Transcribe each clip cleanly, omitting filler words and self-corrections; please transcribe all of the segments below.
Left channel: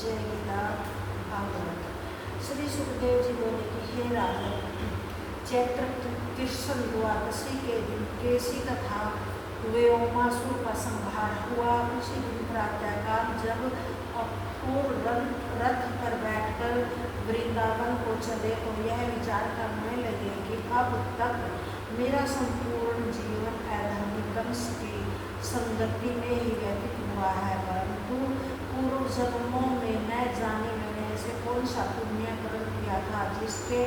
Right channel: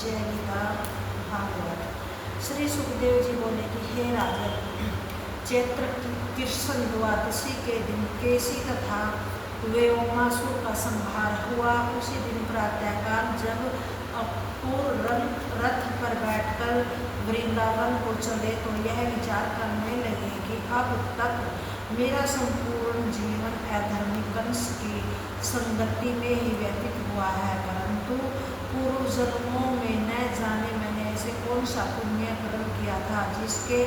जय गीता भागवत। श्री सुखदेव जी बोले कि हे राजन, चैत्र कृष्ण द्वादशी के दिन केसी तथा व्योमासुर का संहार हुआ। उसी दिन प्रातःकाल जब अपूर्व रथ पर बैठकर वृंदावन को चले तो यह विचार करने लगे कि अब तक मेरा संपूर्ण जीवन अधर्मी कंस की संगति में ही व्यतीत हुआ है, परंतु पूर्व जन्मों में न जाने मैंने ऐसे कौन सा पुण्य कर्म किया था जिसके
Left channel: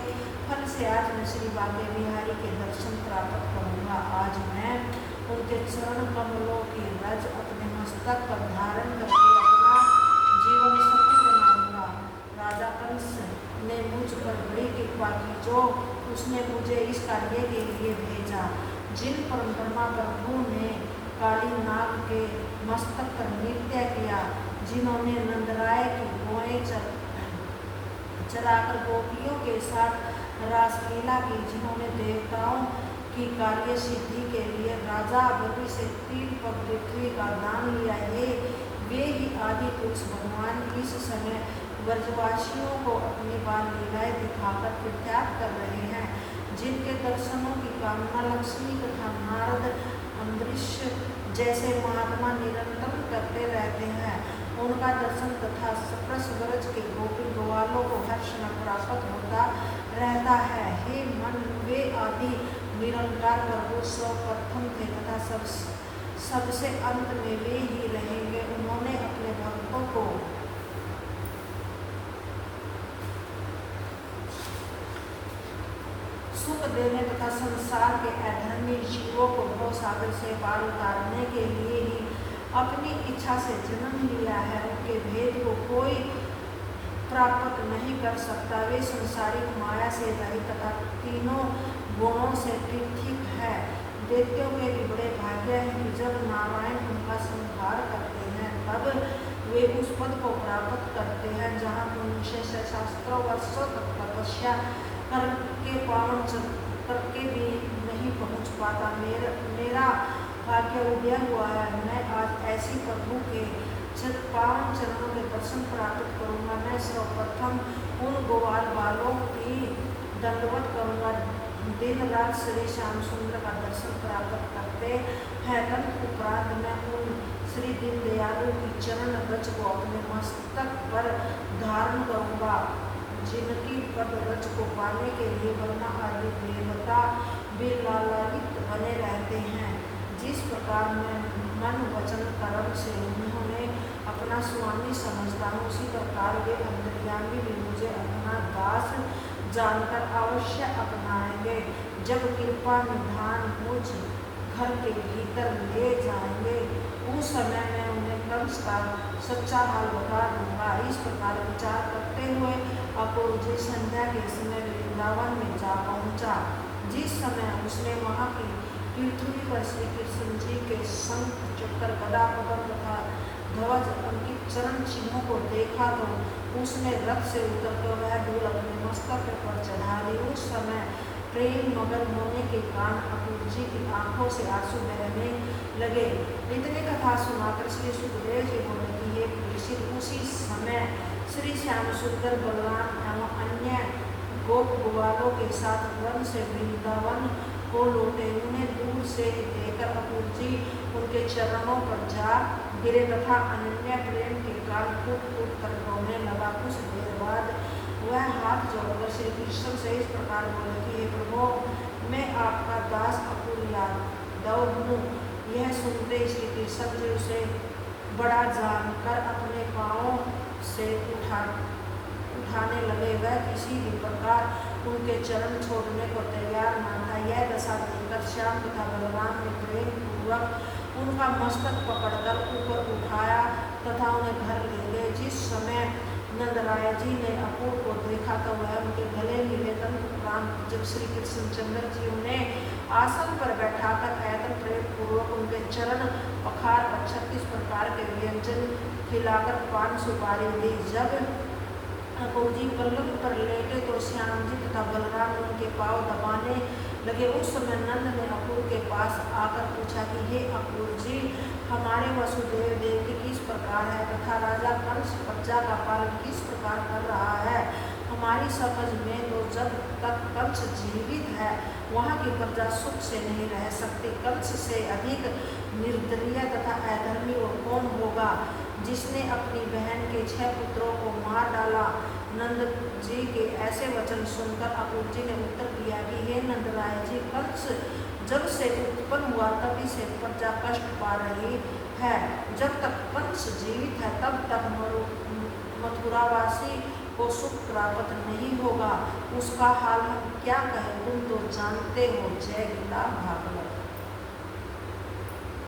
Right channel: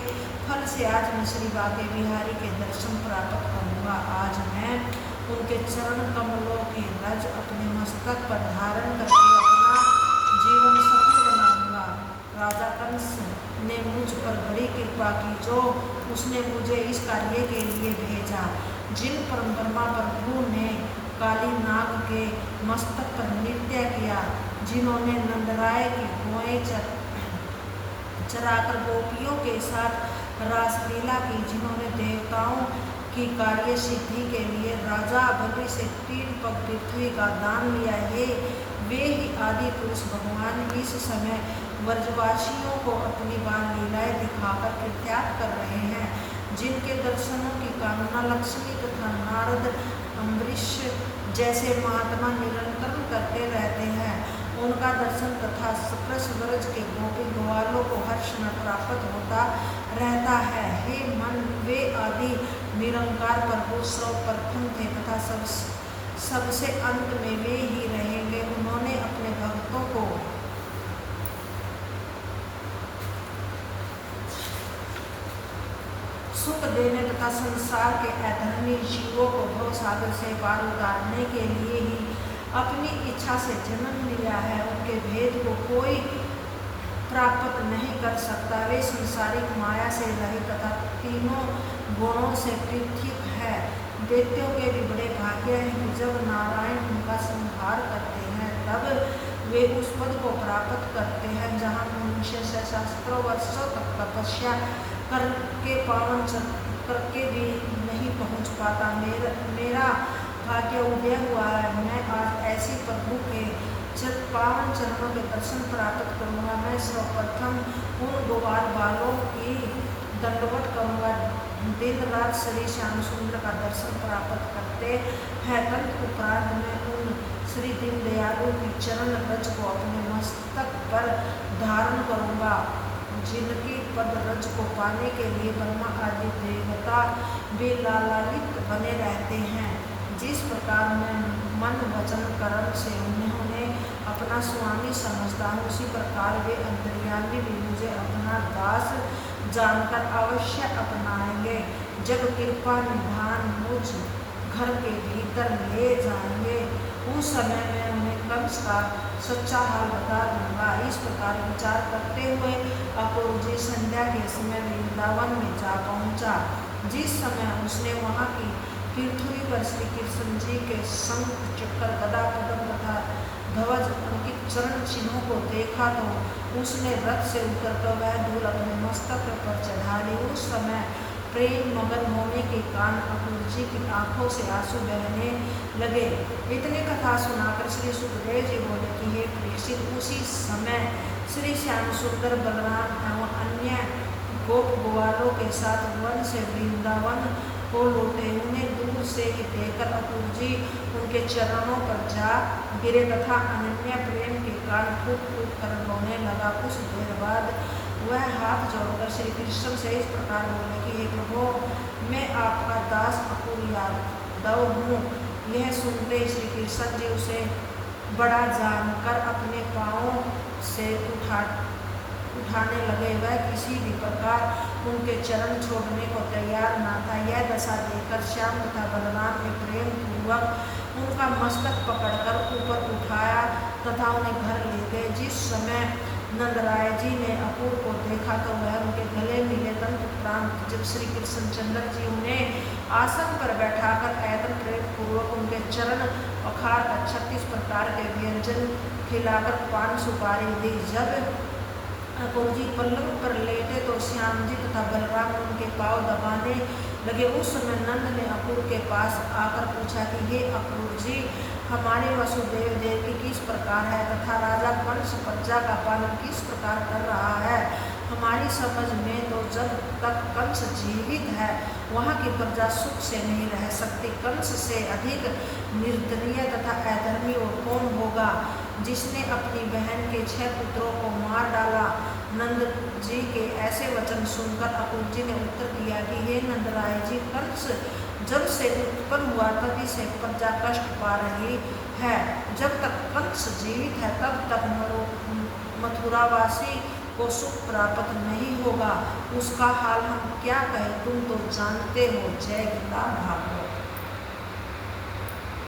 फल से आज मैं श्री बांके बिहारी के दर्शन प्राप्त करूँगा। आज मैं उनके चरण कमलों की रज अपने मस्तक पर धारण करके अपना जीवन सफल बनाऊंगा। राजा कंस ने मुझ पर बड़ी कृपा की, जो उसने मुझे इस कार्य के लिए भेजा। जिन परम ब्रह्मा प्रभु ने काली नाग के मस्तक पर नृत्य किया, जिन्होंने नंदराय की गोएं चराकर गोपियों के साथ रासलीला की, जिन्होंने देवताओं की कार्य सिद्धि के लिए राजा बलि से 3 पग पृथ्वी का दान लिया है, वे ही आदि पुरुष भगवान इस समय व्रजवासियों को अपनी बाल लीलाएं दिखाकर प्रख्यात कर रहे हैं। जिनके दर्शनों की कामना लक्ष्मी तथा नारद अम्बरीश जैसे महात्मा निरंतर करते रहते हैं, उनका दर्शन तथा कृष्ण के गोपी ग्वालों को हर क्षण प्राप्त होता रहता है। हे मन, वे आदि निरंकार प्रभु सर्वप्रथम थे तथा सबसे अंत में वे ही रहेंगे। उन्होंने अपने भक्तों को सुख देने तथा संसार के अधर्मी जीवों को भव सागर से पार उतारने के लिए ही अपनी इच्छा से जन्म लिया है। उनके भेद को कोई प्राप्त नहीं कर सकता। वे संसारिक माया से रहित तथा तीनों गुणों से पृथक है। दैत्यों के भी बड़े भाग्य हैं कि जब नारायण उनका संहार करते हैं तब वे उस पद को प्राप्त करते हैं जहाँ मनुष्य से सहस्त्रों वर्षों तक तपस्या करके पावन करके भी नहीं पहुँच पाता। मेरा भाग्य उदय हुआ है। मैं आज ऐसी प्रभु के पावन चरणों के दर्शन प्राप्त करूँगा। मैं सर्वप्रथम उन गोपाल बालों की दंडवत करूँगा। दिन रात श्री श्याम सुंदर का दर्शन प्राप्त करते हैं। तदुपरांत मैं उन श्री दीनदयालु की चरण रज को अपने मस्तक पर धारण करूँगा, जिनकी पद रज को पाने के लिए ब्रह्मा आदि देवता भी लालायित बने रहते हैं। जिस प्रकार मैं मन वचन कर्म से उन्हें अपना स्वामी समझता हूँ, उसी प्रकार वे अंतर्यामी भी मुझे अपना दास जानकर अवश्य अपनाएंगे। जब कृपा निधान मुझ घर के भीतर ले जाएंगे, उस समय मैं उन्हें कंस का सच्चा हाल बता दूंगा। इस प्रकार विचार करते हुए अपूर्व जी संध्या के समय वृंदावन में जा पहुंचा। जिस समय उसने वहां की पृथ्वी पर श्री कृष्ण जी के शंख चक्र गदा पद्म तथा ध्वज अंकित चरण चिन्हों को देखा तो उसने रथ से उतरकर वह धूल अपने मस्तक पर चढ़ा ली। उस समय प्रेम मगन होने के कारण अपूर्व जी की आंखों से आंसू बहने लगे। इतने कथा सुनाकर श्री सुखदेव जी बोले कि हे प्रेषित, उसी समय श्री श्याम सुंदर बलराम एवं अन्य गोप ग्वालों के साथ वन से वृंदावन को लौटे। उन्हें दूर से ही देखकर अपूर्व जी उनके चरणों पर जा गिरे तथा अनन्य प्रेम के कारण फूट फूट कर रोने लगा। कुछ देर बाद वह हाथ जोड़कर श्री कृष्ण से इस प्रकार बोले कि हे प्रभु, मैं आपका दास अपूर्व यादव हूँ। यह सुनते श्री कृष्ण जी उसे बड़ा जानकर अपने पाँवों से उठाने लगे। वह किसी भी प्रकार उनके चरण छोड़ने को तैयार न था। यह दशा देखकर श्याम तथा बलराम ने प्रेम पूर्वक उनका मस्तक पकड़कर ऊपर उठाया तथा उन्हें घर ले गए। जिस समय नंदराय जी ने अपूर्व को देखा तो वह उनके गले मिले। तदुपरांत जब श्री कृष्णचंद्र जी उन्हें आसन पर बैठाकर ऐतर प्रेम पूर्वक उनके चरण पखार कर 36 प्रकार के व्यंजन खिलाकर पान सुपारी दी। जब अपूर्व जी पलंग पर लेटे तो श्याम जी तथा बलराम उनके पाँव दबाने लगे। उस समय नंद ने अपूर्व के पास आकर पूछा कि हे अपूर्व जी, हमारे वसुदेव देव की किस प्रकार है तथा राजा कंस प्रजा का पालन किस प्रकार कर रहा है। हमारी समझ में तो जब तक कंस जीवित है वहाँ की प्रजा सुख से नहीं रह सकती। कंस से अधिक निर्दयी तथा अधर्मी और कौन होगा, जिसने अपनी बहन के 6 पुत्रों को मार डाला। नंद जी के ऐसे वचन सुनकर अपूर्व जी ने उत्तर दिया कि हे नंदराय जी, कंस जब से उत्पन्न हुआ तभी से प्रजा कष्ट पा रही है। जब तक कंस जीवित है तब तक मथुरावासी को सुख प्राप्त नहीं होगा। उसका हाल हम क्या कहें, तुम तो जानते हो। जय गीता भागवत।